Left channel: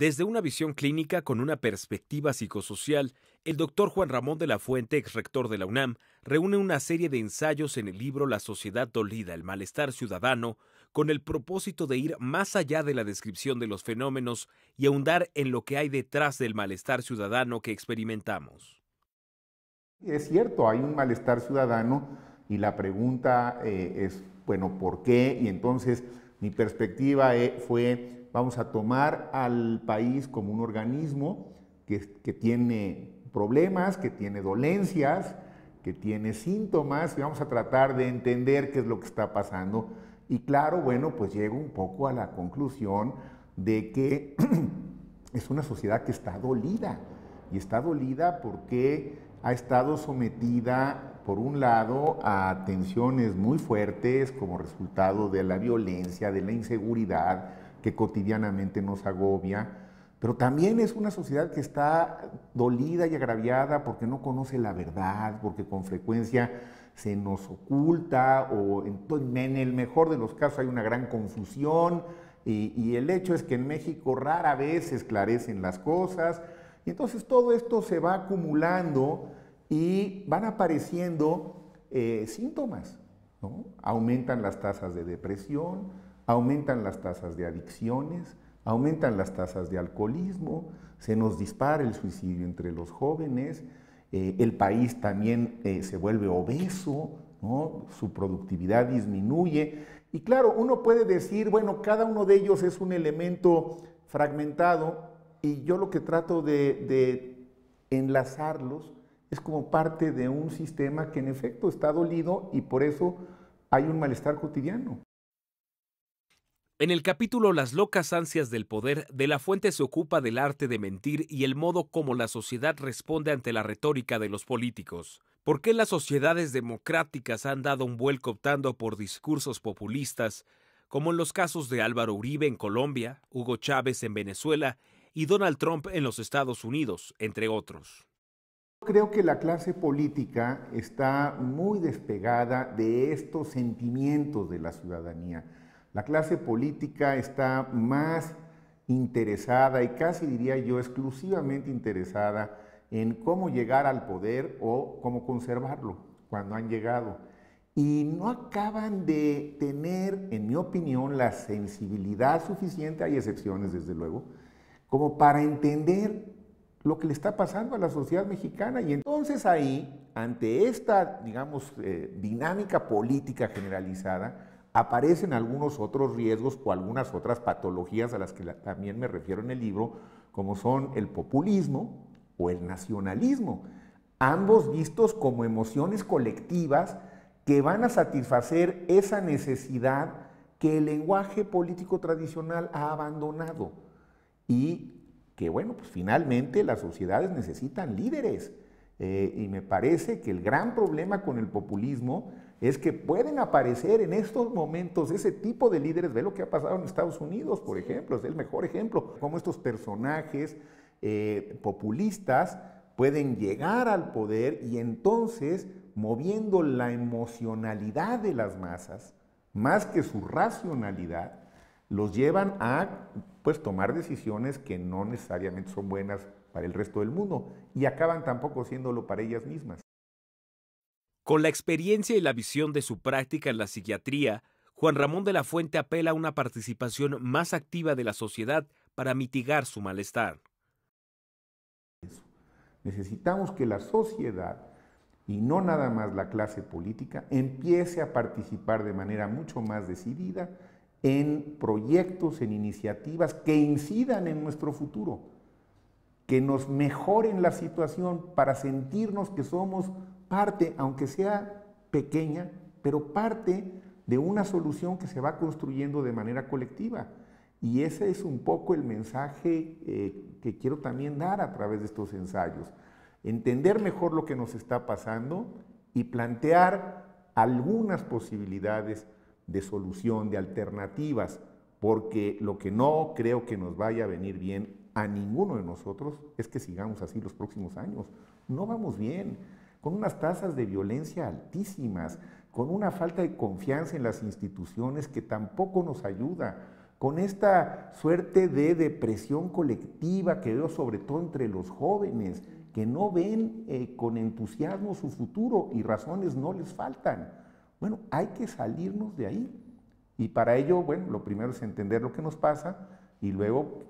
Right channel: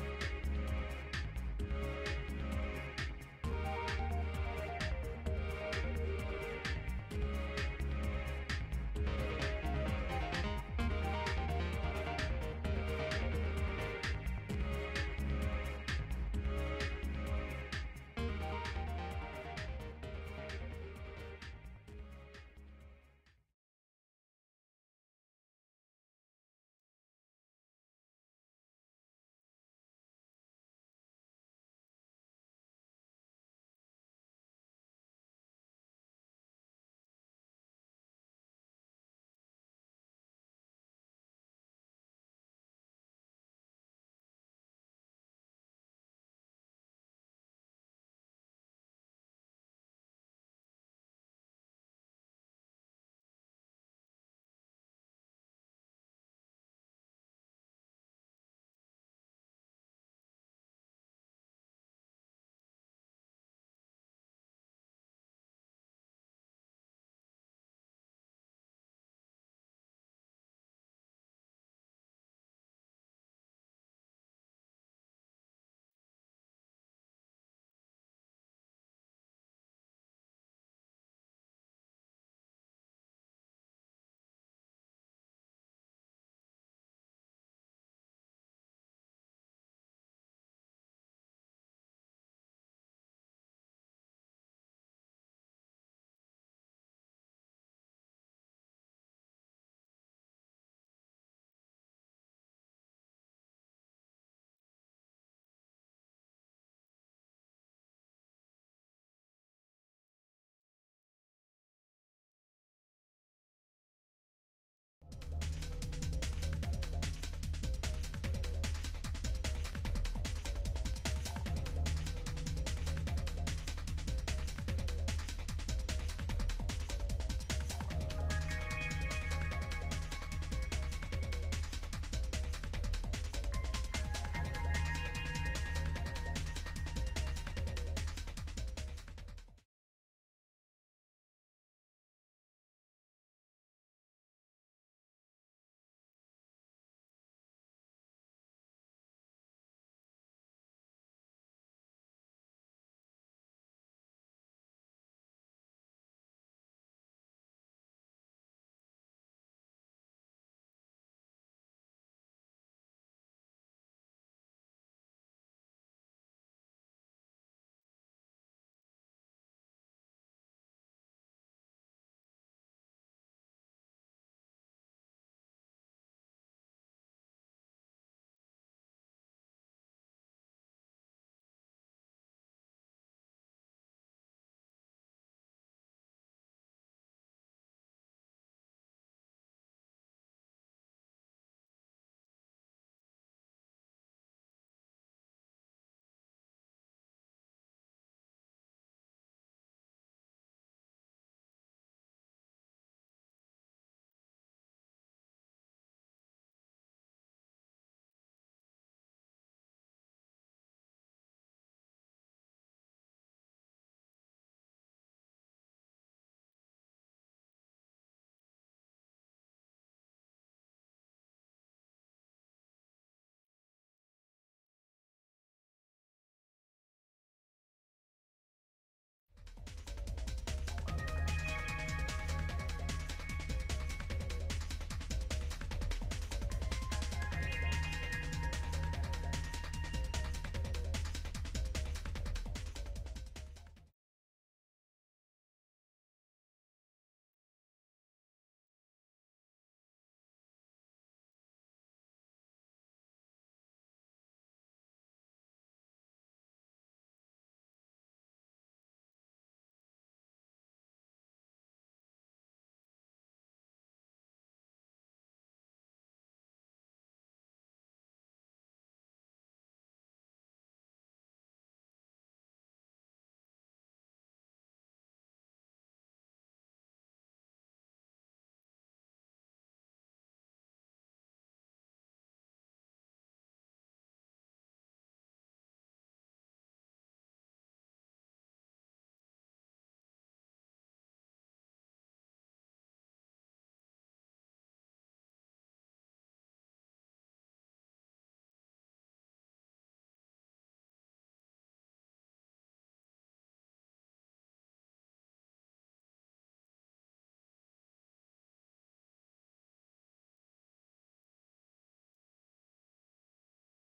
Desde una visión clínica con una perspectiva psicosocial, el doctor Juan Ramón de la Fuente, ex rector de la UNAM, reúne una serie de ensayos en el libro La sociedad dolida, el malestar ciudadano, con el propósito de ir más allá de la descripción de los fenómenos y ahondar en lo que hay detrás del malestar ciudadano que experimentamos. Es cierto, hay un malestar ciudadano y la pregunta es, bueno, ¿por qué? Y entonces mi perspectiva fue, vamos a tomar al país como un organismo que tiene problemas, que tiene dolencias, que tiene síntomas, y vamos a tratar de entender qué es lo que está pasando. Y claro, bueno, pues llego un poco a la conclusión de que es una sociedad que está dolida, y está dolida porque ha estado sometida, por un lado, a tensiones muy fuertes como resultado de la violencia, de la inseguridad que cotidianamente nos agobia, pero también es una sociedad que está dolida y agraviada porque no conoce la verdad, porque con frecuencia se nos oculta o en el mejor de los casos hay una gran confusión y el hecho es que en México rara vez se esclarecen las cosas y entonces todo esto se va acumulando y van apareciendo síntomas, ¿no? Aumentan las tasas de depresión, aumentan las tasas de adicciones, aumentan las tasas de alcoholismo, se nos dispara el suicidio entre los jóvenes, el país también se vuelve obeso, ¿no? Su productividad disminuye. Y claro, uno puede decir, bueno, cada uno de ellos es un elemento fragmentado y yo lo que trato de enlazarlos es como parte de un sistema que en efecto está dolido y por eso hay un malestar cotidiano. En el capítulo Las locas ansias del poder, De la Fuente se ocupa del arte de mentir y el modo como la sociedad responde ante la retórica de los políticos. ¿Por qué las sociedades democráticas han dado un vuelco optando por discursos populistas, como en los casos de Álvaro Uribe en Colombia, Hugo Chávez en Venezuela y Donald Trump en los Estados Unidos, entre otros? Creo que la clase política está muy despegada de estos sentimientos de la ciudadanía. La clase política está más interesada y casi diría yo exclusivamente interesada en cómo llegar al poder o cómo conservarlo cuando han llegado. Y no acaban de tener, en mi opinión, la sensibilidad suficiente, hay excepciones desde luego, como para entender lo que le está pasando a la sociedad mexicana. Y entonces ahí, ante esta, digamos, dinámica política generalizada, aparecen algunos otros riesgos o algunas otras patologías a las que también me refiero en el libro, como son el populismo o el nacionalismo, ambos vistos como emociones colectivas que van a satisfacer esa necesidad que el lenguaje político tradicional ha abandonado y que, bueno, pues finalmente las sociedades necesitan líderes. Y me parece que el gran problema con el populismo es que pueden aparecer en estos momentos ese tipo de líderes. Ve lo que ha pasado en Estados Unidos, por ejemplo, es el mejor ejemplo, cómo estos personajes populistas pueden llegar al poder y entonces, moviendo la emocionalidad de las masas, más que su racionalidad, los llevan a pues, tomar decisiones que no necesariamente son buenas para el resto del mundo y acaban tampoco siéndolo para ellas mismas. Con la experiencia y la visión de su práctica en la psiquiatría, Juan Ramón de la Fuente apela a una participación más activa de la sociedad para mitigar su malestar. Necesitamos que la sociedad, y no nada más la clase política, empiece a participar de manera mucho más decidida en proyectos, en iniciativas que incidan en nuestro futuro, que nos mejoren la situación para sentirnos que somos parte, aunque sea pequeña, pero parte de una solución que se va construyendo de manera colectiva. Y ese es un poco el mensaje que quiero también dar a través de estos ensayos. Entender mejor lo que nos está pasando y plantear algunas posibilidades de solución, de alternativas, porque lo que no creo que nos vaya a venir bien a ninguno de nosotros es que sigamos así los próximos años. No vamos bien, con unas tasas de violencia altísimas, con una falta de confianza en las instituciones que tampoco nos ayuda, con esta suerte de depresión colectiva que veo sobre todo entre los jóvenes, que no ven con entusiasmo su futuro y razones no les faltan. Bueno, hay que salirnos de ahí. Y para ello, bueno, lo primero es entender lo que nos pasa y luego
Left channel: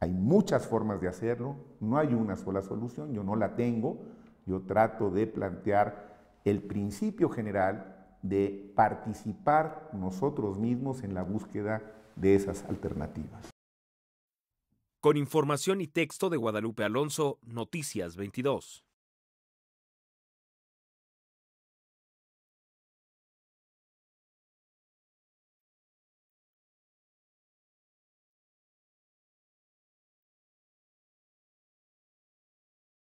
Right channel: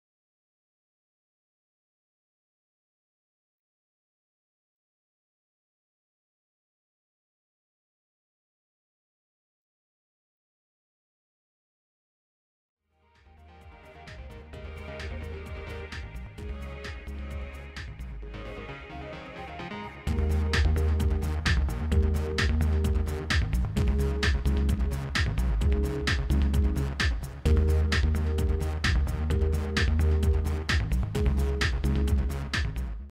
hay muchas formas de hacerlo, no hay una sola solución, yo no la tengo, yo trato de plantear el principio general de participar nosotros mismos en la búsqueda de esas alternativas. Con información y texto de Guadalupe Alonso, Noticias 22.